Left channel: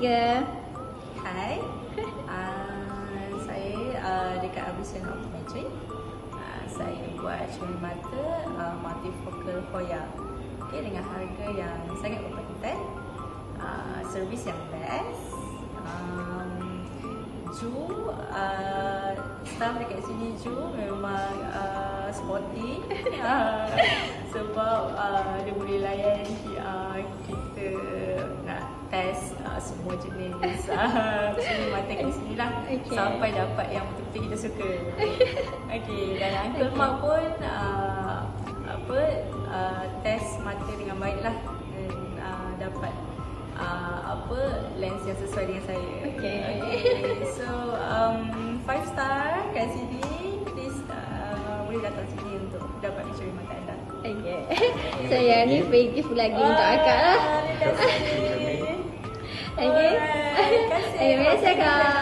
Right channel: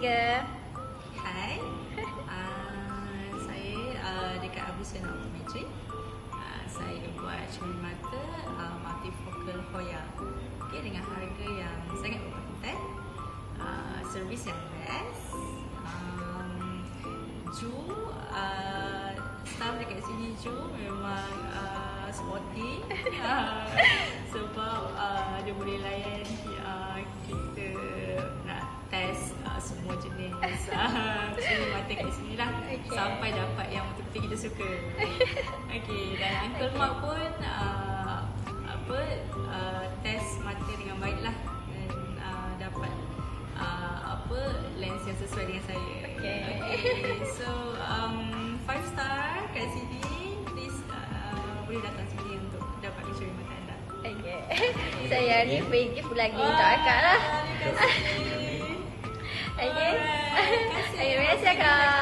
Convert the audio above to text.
ketiga. Hai, saya dekat Avision Optometry. Saya buat cermin mata multifocal Hoya. Okay, dengan harga yang sangat berpatutan, servis yang best. Staff dekat sini memang sporty. Sebab dia boleh layan kita nak test semua jenis mata kat sini lah, sampai dapat yang betul-betul kita suka. Okay, dan Uncle Mark pun test mata dengan baik lah, dan dapat lens yang sesuai dengan saya. Okay. So 5 star kat sini. Please boleh datang sini untuk dapat cermin mata anda. Okay. So yang ni free gift lagi untuk akak lah. Terima kasih. Okay. Terima kasih. Terima kasih, Kak.